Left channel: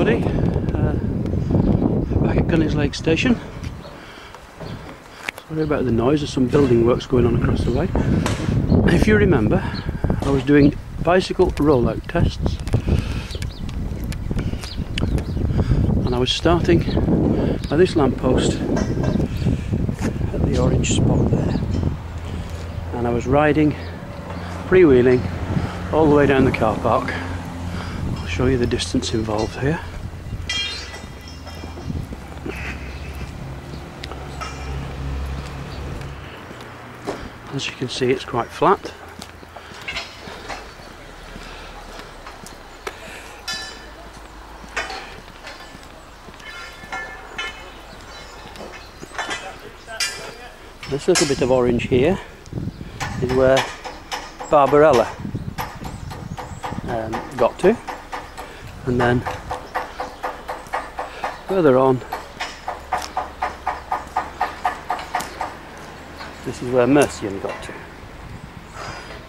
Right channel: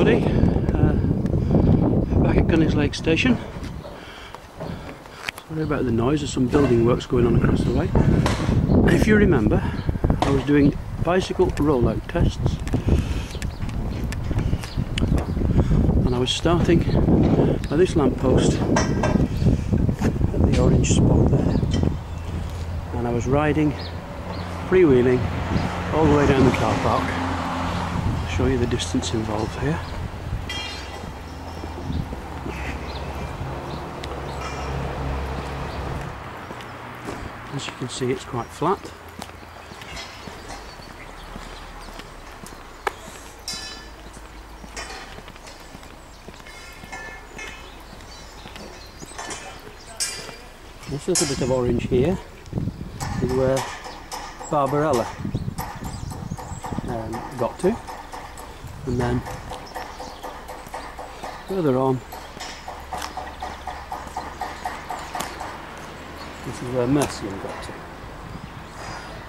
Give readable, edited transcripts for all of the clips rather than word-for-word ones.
everybody, back at Gunnings Lake Station. Sorry about the noise, there's some building works going on across the way. If you remember, I was doing bicycle rollout tests and I was starting by this lamppost at the orange spot there, and I was riding, freewheeling all the way down the car park. I'll show you the distance involved here. As you can see, it's quite flat. This little bit of orange here is where Barbarella got to, and then further on this is where Mercian got to.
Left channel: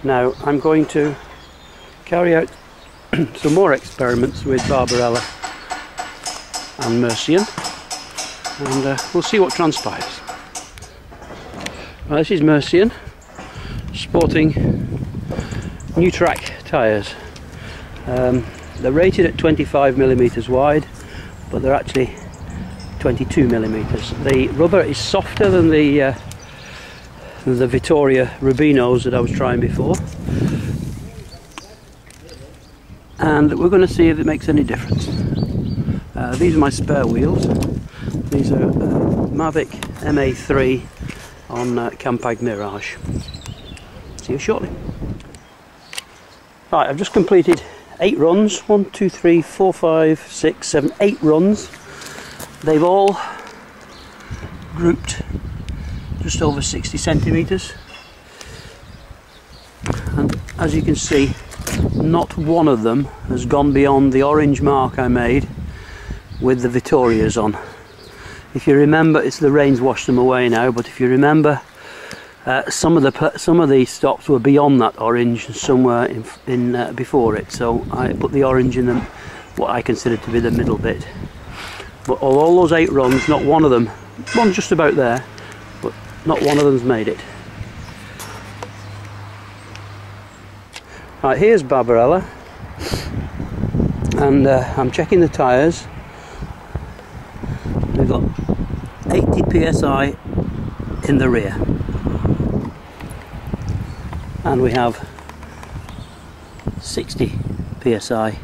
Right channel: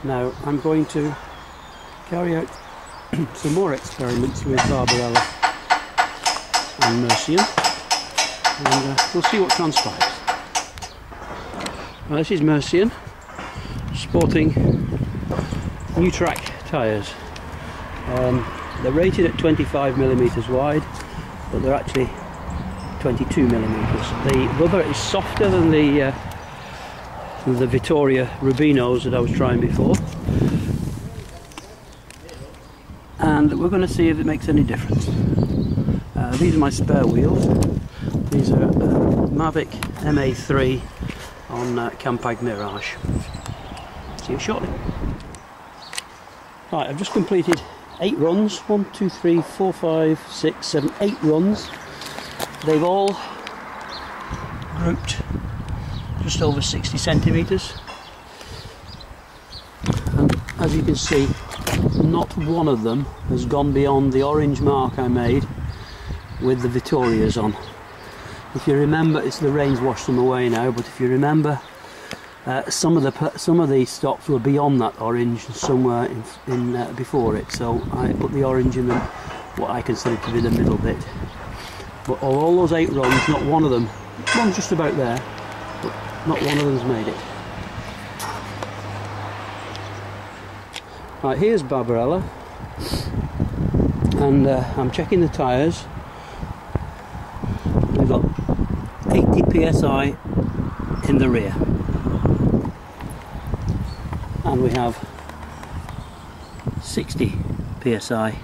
Now I'm going to carry out some more experiments with Barbarella and Mercian, and we'll see what transpires. Well, this is Mercian, sporting new track tyres. They're rated at 25mm wide, but they're actually 22mm. The rubber is softer than the Vittoria Rubinos that I was trying before, and we're going to see if it makes any difference. These are my spare wheels. These are Mavic MA3 on Campag Mirage. See you shortly. Right, I've just completed 8 runs. 1, 2, 3, 4, 5, 6, 7, 8 runs. They've all grouped just over 60 centimetres, and as you can see, not one of them has gone beyond the orange mark I made with the Vittorias on. If you remember, it's the rain's washed them away now, but if you remember, some of these stops were beyond that orange somewhere in before it, so I put the orange in them, what I consider to be the middle bit. But all those 8 runs, not one of them, one's just about there, but not one of them's made it. Right, here's Barbarella, and I'm checking the tyres. We've got 80 psi in the rear, and we have 60 psi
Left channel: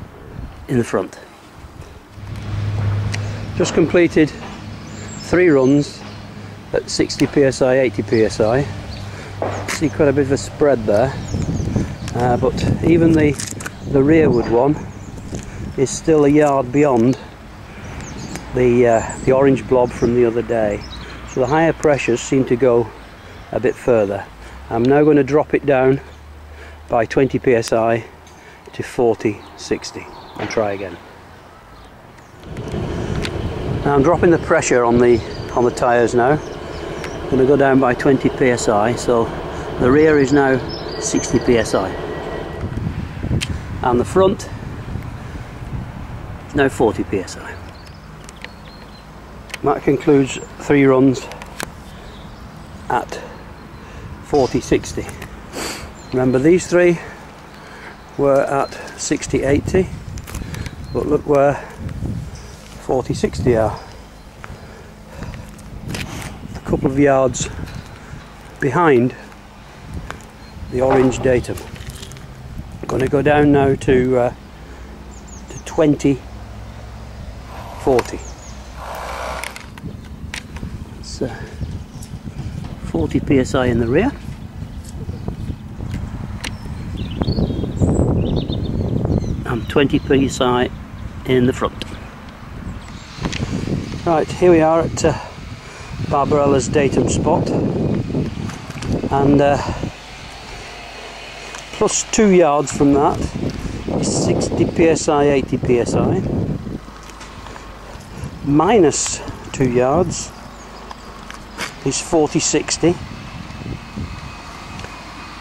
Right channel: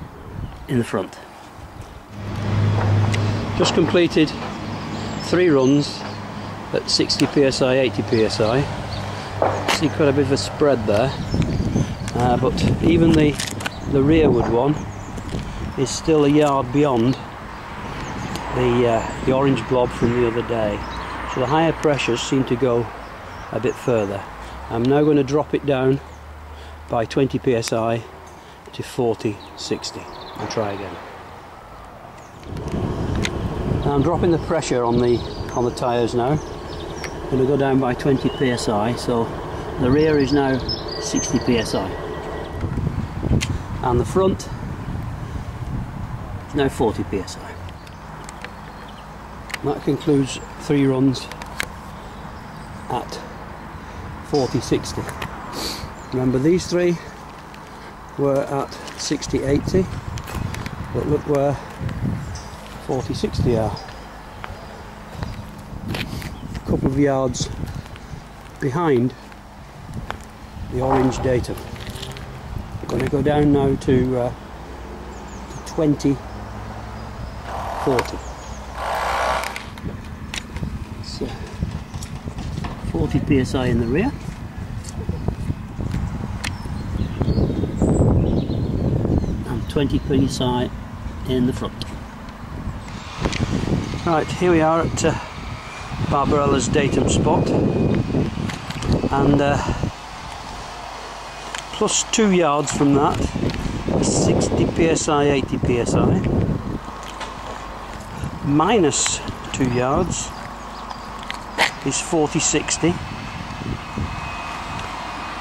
in the front. Just completed 3 runs at 60 psi, 80 psi. See quite a bit of a spread there, but even the rearward one is still a yard beyond the orange blob from the other day, so the higher pressures seem to go a bit further. I'm now going to drop it down by 20 psi to 40, 60 and try again. Now I'm dropping the pressure on the tyres now. I'm going to go down by 20 psi, so the rear is now 60 psi and the front is now 40 psi. That concludes 3 runs at 40-60. Remember, these 3 were at 60-80, but look where 40-60 are. A couple of yards behind the orange datum. I'm going to go down now to 20-40. So 40 psi in the rear, and 20 psi in the front. Right, here we are at Barbarella's datum spot, and plus 2 yards from that is 60 psi, 80 psi, minus 2 yards is 40-60,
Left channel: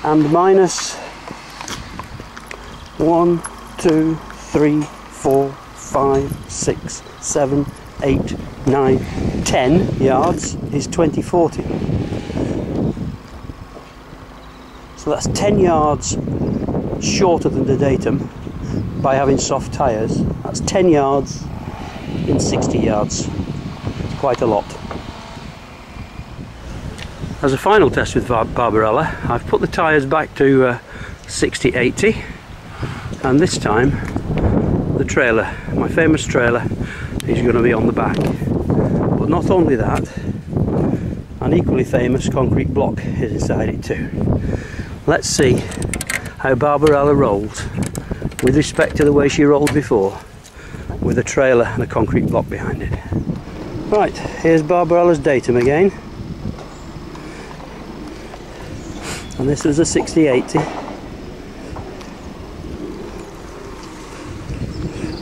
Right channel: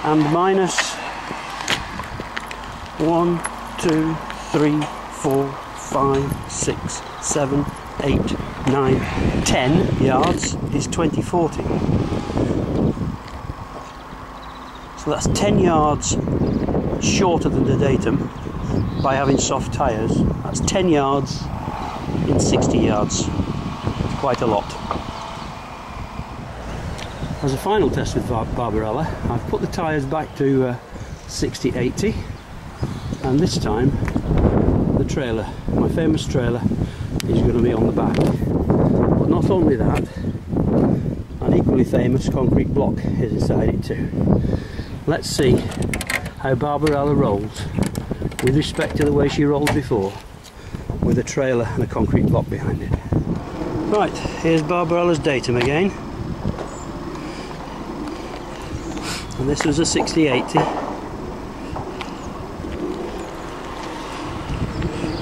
and minus 1, 2, 3, 4, 5, 6, 7, 8, 9, 10 yards is 2040. So that's 10 yards shorter than the datum by having soft tyres. That's 10 yards in 60 yards. Quite a lot. As a final test with Barbarella, I've put the tyres back to 60-80, and this time the trailer, my famous trailer, is going to be on the back. But not only that, an equally famous concrete block is inside it too. Let's see how Barbarella rolls with respect to the way she rolled before, with a trailer and a concrete block behind it. Right, here's Barbarella's datum again. And this was a 60-80.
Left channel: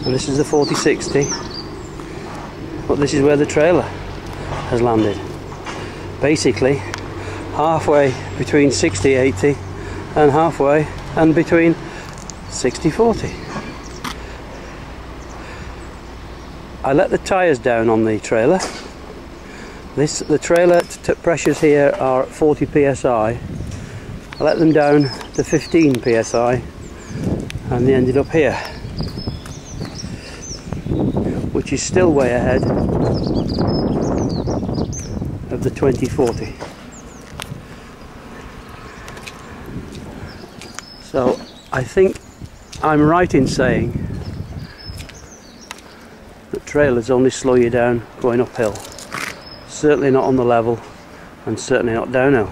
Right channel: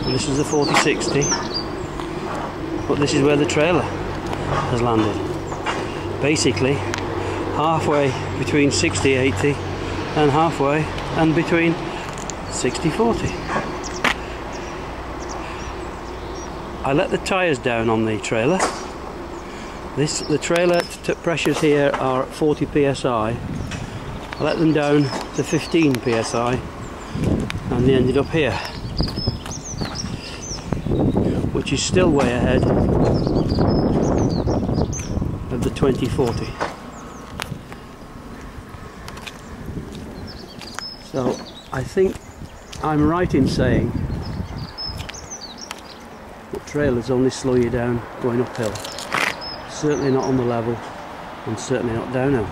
And this is the 40-60. But this is where the trailer has landed. Basically, halfway between 60-80 and halfway and between 60-40. I let the tyres down on the trailer. The trailer pressures here are 40 psi. I let them down to 15 psi and they ended up here, which is still way ahead of the 2040. So I think I'm right in saying that trailers only slow you down going uphill. Certainly not on the level, and certainly not downhill.